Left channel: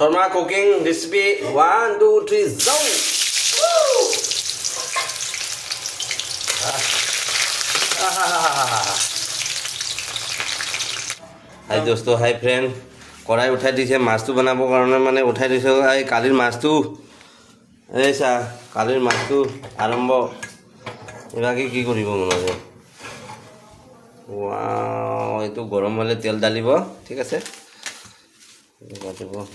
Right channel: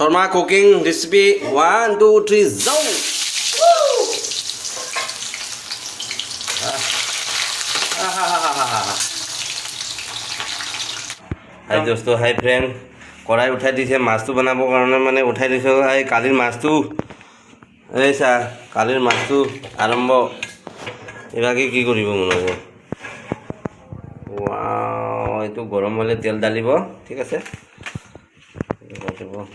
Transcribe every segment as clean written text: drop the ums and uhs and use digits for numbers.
Sharma cooking recipe 1 2 3 जाओ। हाय दोस्तों, hi friend, कढ़ाई उठाई दिसे माछटो बनाबो कारण माने उठाई दिसो। এই কালিৰ মাছটো এই চা কালিৰ মাছটো আৰম্ভ এবাকে কি কৰিব মন আছে। ওয়াও, এইটো গৰম হলে তেল ডালিব, ঠিক আছে।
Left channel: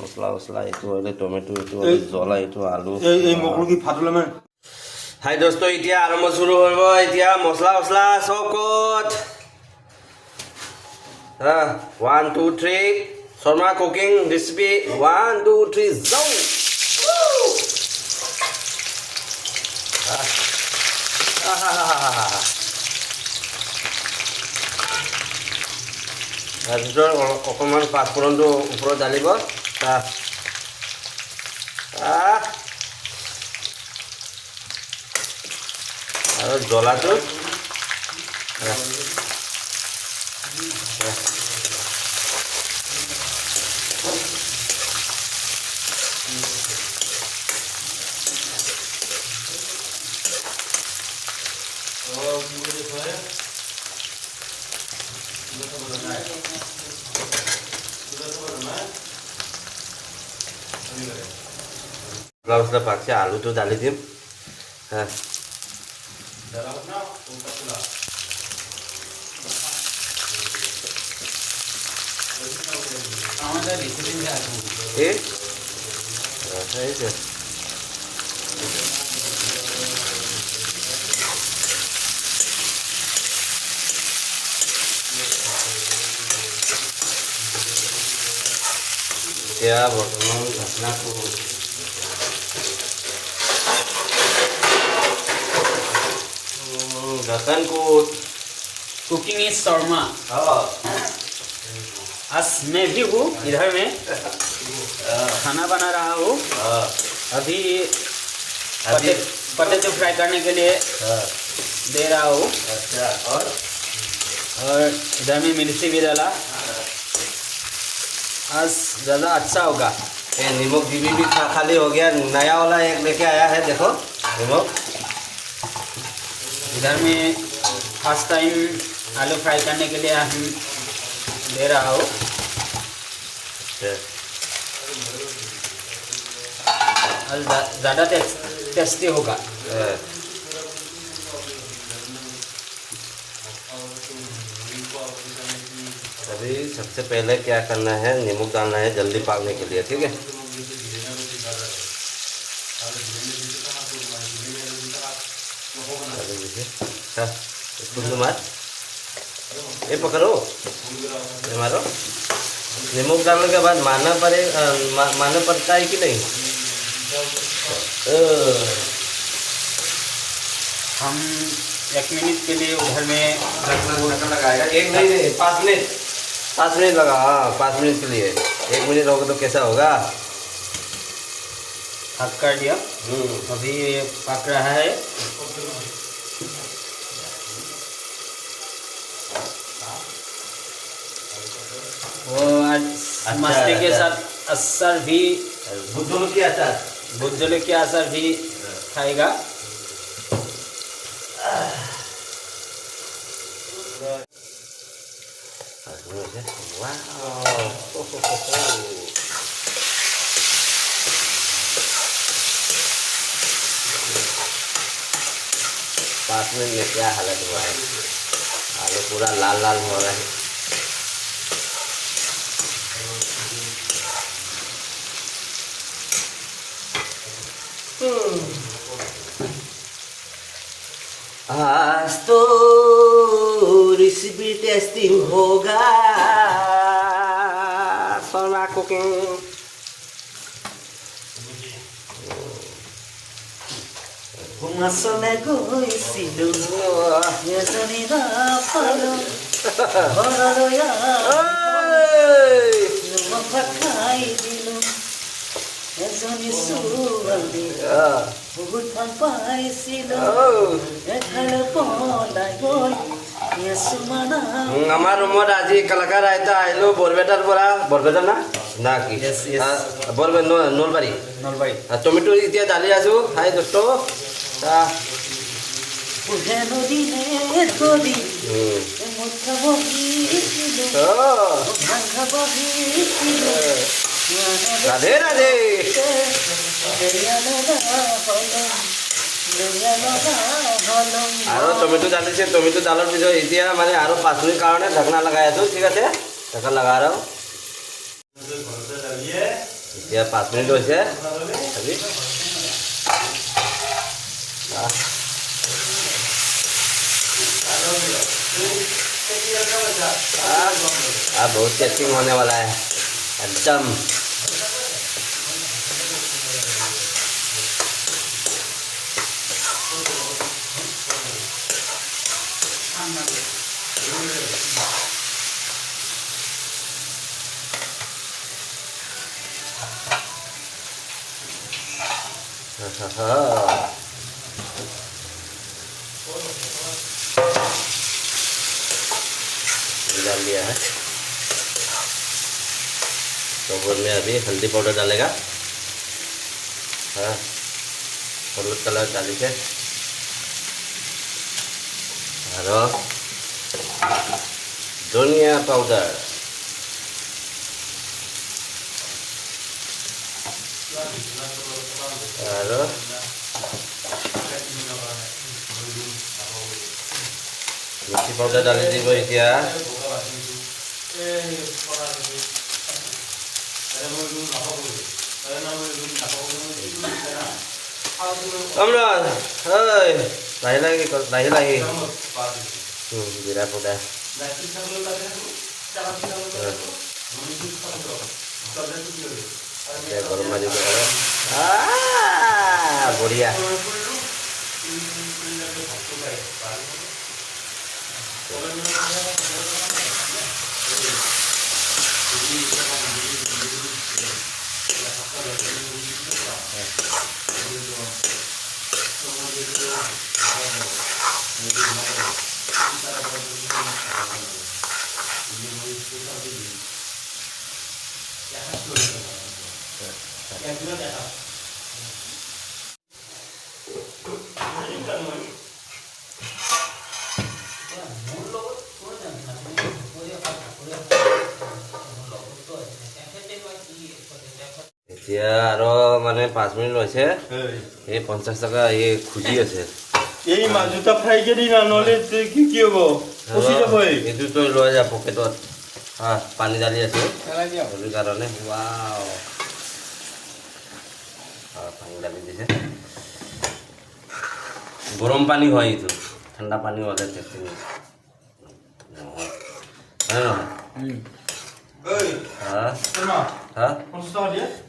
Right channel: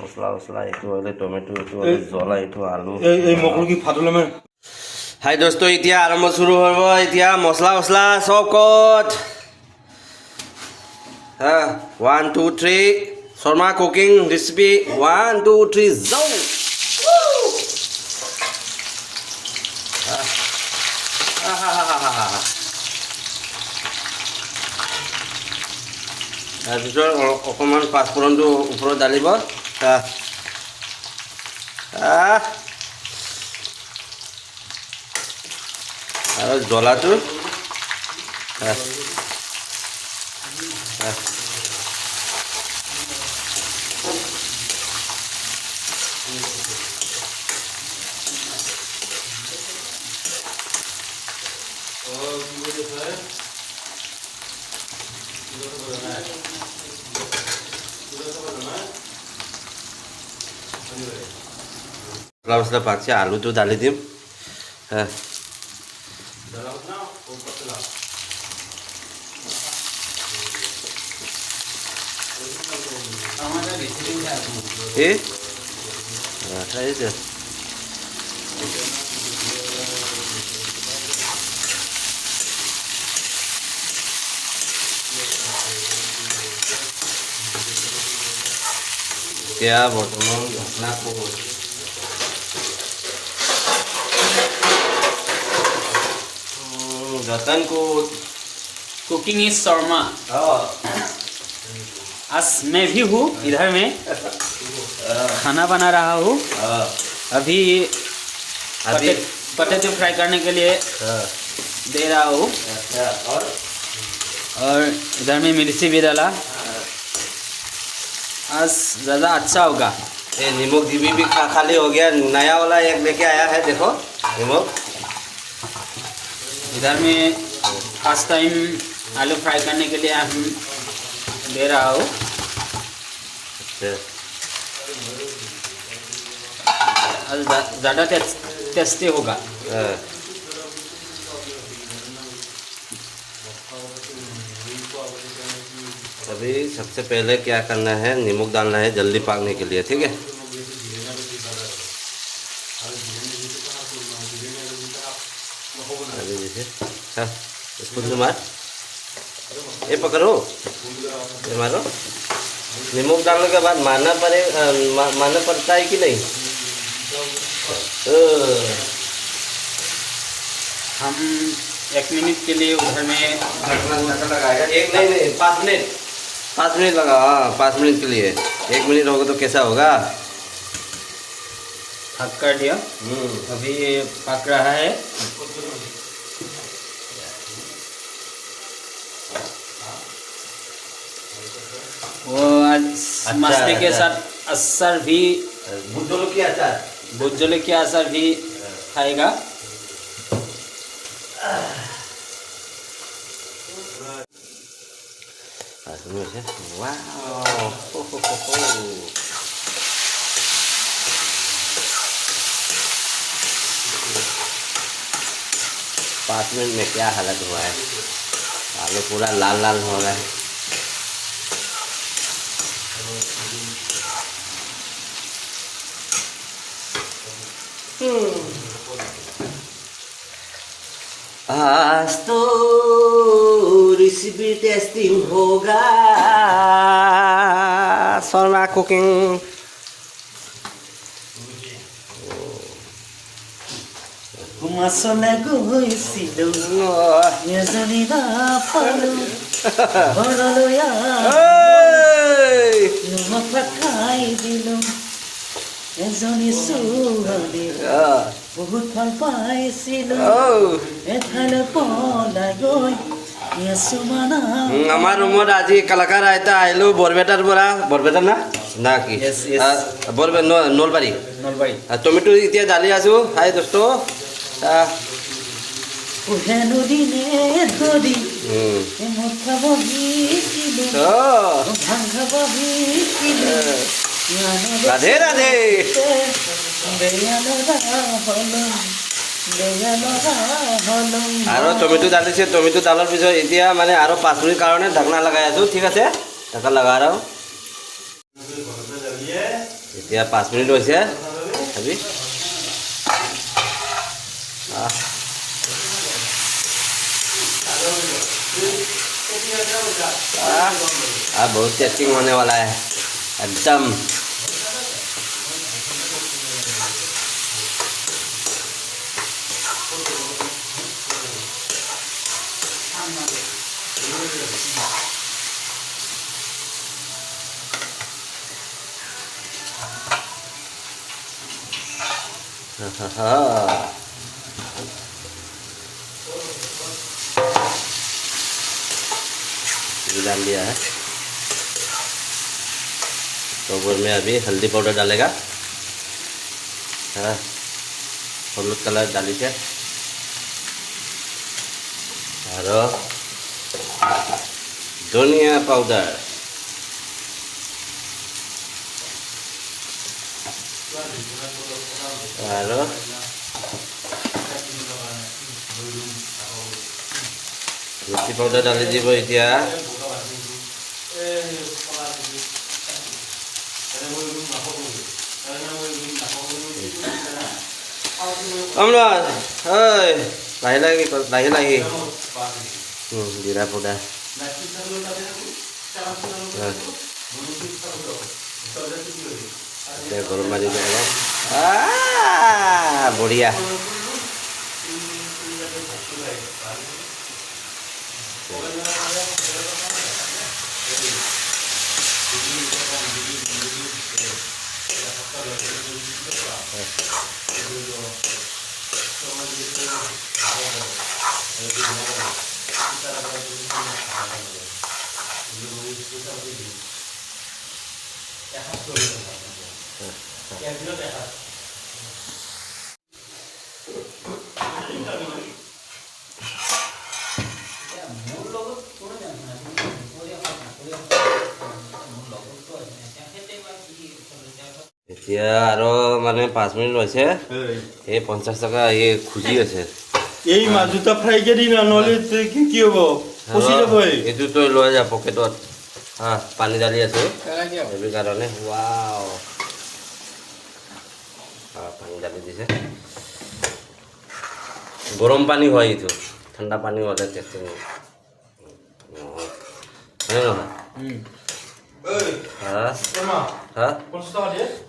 মছলা মছলা এইটো হলে টমেটো, এইটো হলে জ্বলা, এইটো আলু, এই মকল কি ফাটলে মানে। হাই দোস্ত, এতিয়া আৰম্ভ শুরু হব। এতিয়া মছলা মছলা সব কত। 1 2 3 Sharma cooking recipe 1 2 3 जाओ। তাৰপিছত অকণমান পাঁচফোৰণটো ওপৰত ঢালিব। আৰু জ্বলাটো মছলা পাকছে, আলুটো ঢালি দিম। এতিয়া বৰ্তমান ঘটনা रतन को कुकिंग इज शर्मा। आज मैं भी हूँ इधर में खाना बना रहा हूँ। अभी पोटैटो फ्राई करने के लिए दे रहा हूँ। और इधर में मिर्ची भी डाला। आज ज़्यादा अच्छा होगा। ये नमक जीबी भी खाली हो गया, नया वाला एक लेके आया है, देखो नमक। इधर में फर्स्ट टाइम आलू फ्राई करने के लिए हम दे रहा हूँ। और ज़्यादा टेस्टी होगा। अभी सबसे पहले क्या करना है, नमक डालना है जल्दी पकने के लिए, ठीक है। इसको मार, ये पकड़ो, ये मारो। नमक डालने के बाद मारना पड़ता है कि नहीं। हम 1 मिनट के लिए उधर में लगाया, एक नहीं 5 मिनट लगा। 5 मिनट के लिए, 1 मिनट होगा तो कैसा होगा। पक कर दिया। अभी पक रहा है। वो मस्ती के साथ असर भी, भुजोले की असर भी खाएगा। वाओ, 5 मिनट में क्या हालत हुआ है। आलू पूरा लाल लाल हो रहा है। आज तो रेसिपी टेस्टिंग होगा। शर्मा कुकिंग। ঘুমাচলে গৈছিলো এজনী নাপালো ঘৰলৈ খাই দিলো এজনী ছোৱালী বহুত ভাল পাইছিলো এঠাইলৈ পলাই গৈ আমাৰ ৰুমত আজি কলাকাৰ আইতা আহিলো বৰপেটাৰ পৰা। বৰপেটা না না কি Yes, yes. বলবে নলবাৰী নলবাৰী টমেটো এতিয়া দালি আছোঁ হাই দোস্ত যেনো দিনে ধৰি উম। মুঠ খাব বহিছিলোঁ ভাং খাব বহিছিলোঁ ৰাধে ৰাধে আৰু টমেটো দালিছে টমেটো দালৰ পিছত এতিয়া মানে আৰু 5 মিনিট কাৰণে ঢাকনা লগাই আছোঁ ঠিক আছে ঢাকনা লগা আৰু এতিয়া 5 মিনিট হৈছে খাবি बहुत टेस्टिंग होने वाला है एकदम डाल दिया है तो में अभी हल्दी पाउडर डालेगा हाँ हलुद कलर डाली से और धनिया पाउडर और मिर्ची पाउडर डाली দিব এতিয়া আমরা ওই লাহি লাহি জিরা পোডা গরম মাঝে গরম বঢ়িয়া এতিয়া আৰু মানে 5 মিনিট হৈছে এই 50 টকা এই খুজি আছে এই মাছ দুটা ফ্ৰাই কৰি না নহ'লে কি হ'ব ফচি যাব এইটো তই লৈ যা পকেটত পানী ঢালি আছো সেইটো কাৰণে ৱাও পানী ঢালি দিছে গৰম পানী হয় এইটো ঠাণ্ডা পানী হ'লে টেষ্টি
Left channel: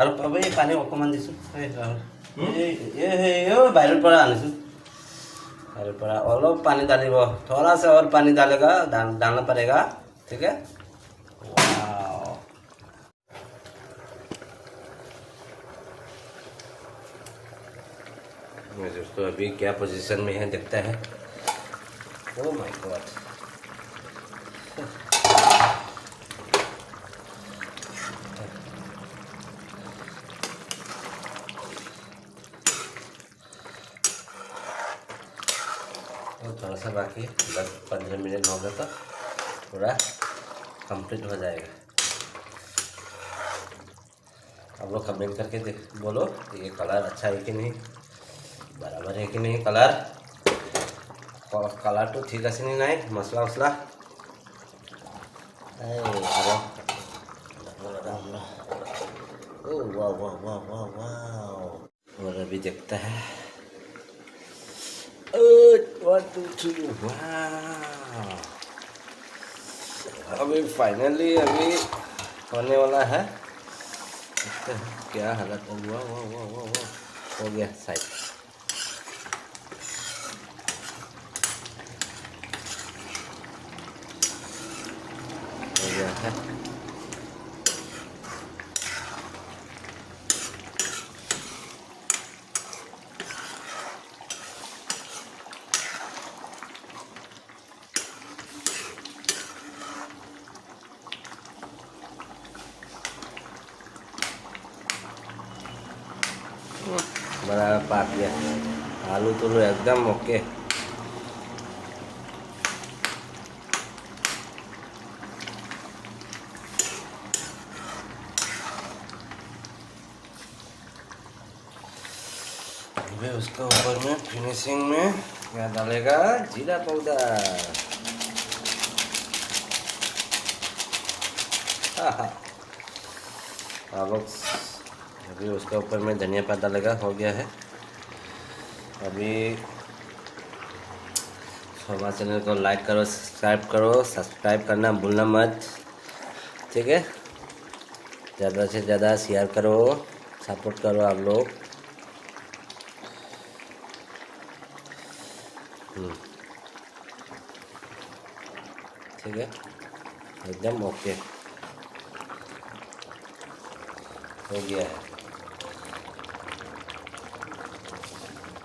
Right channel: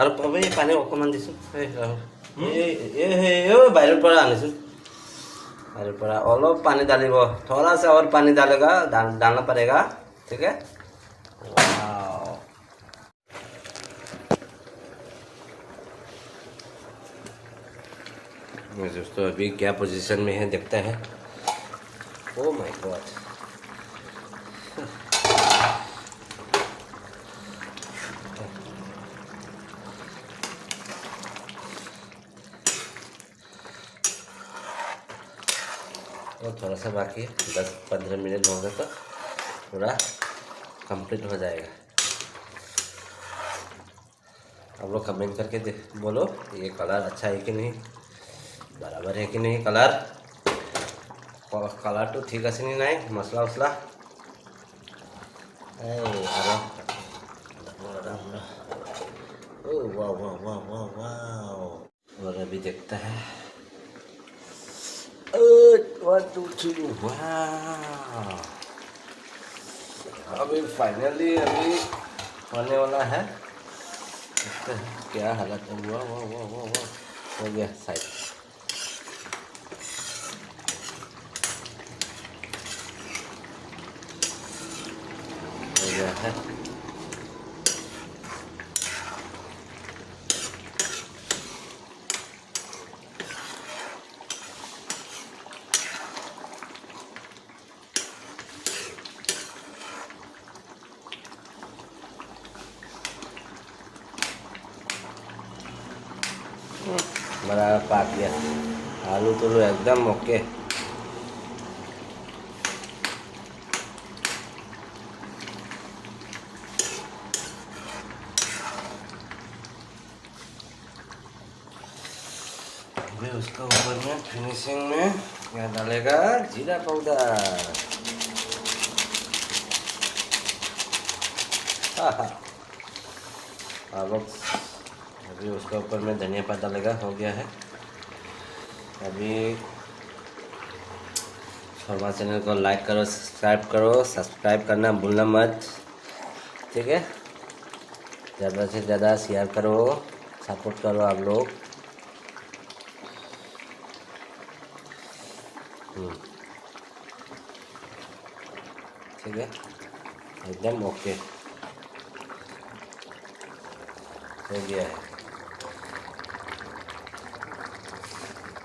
আৰু পাবি পানী অকণমান দিছোঁ বাহিৰৰ পৰা আনিছোঁ बाहर पड़ा অলপ पानी डालिबो थोड़ा सा और पानी डालेगा डालना पड़ेगा ठीक है वाओ दोस्तों अभी क्या पोजीशन में है देखता है ओह माय गॉड और थोड़ा सा बाकी 10-15 मिनट होगा तो पूरा कंप्लीट हो जाएगा आप लोग कमेंट करके बोलो ये कलर अच्छा है कि नहीं बराबर है कि नहीं कलर तो ठीक है नहीं मसला वसला वाह वाह वाह वाह वाह और अभी देखता है 1 2 3 वाह अभी फाइनली अभी होने वाला है क्या हालत है वाह वाह वाह वाह वाह हो गया साइड हो गया है बराबर पाक गया। आलू तो एकदम ओके। अभी उसका ऊपर में फिनिशिंग में क्या डालेगा? जीरा पाउडर। अब अभी उसके ऊपर में धनिया पत्ता लगा हो गया है। अभी हमारे चैनल को लाइक करो, सब्सक्राइब करना भूलना मत, ठीक है। ज़्यादा से ज़्यादा शेयर करो, सपोर्ट करो आप लोग। ठीक है, एकदम ओके हो गया है।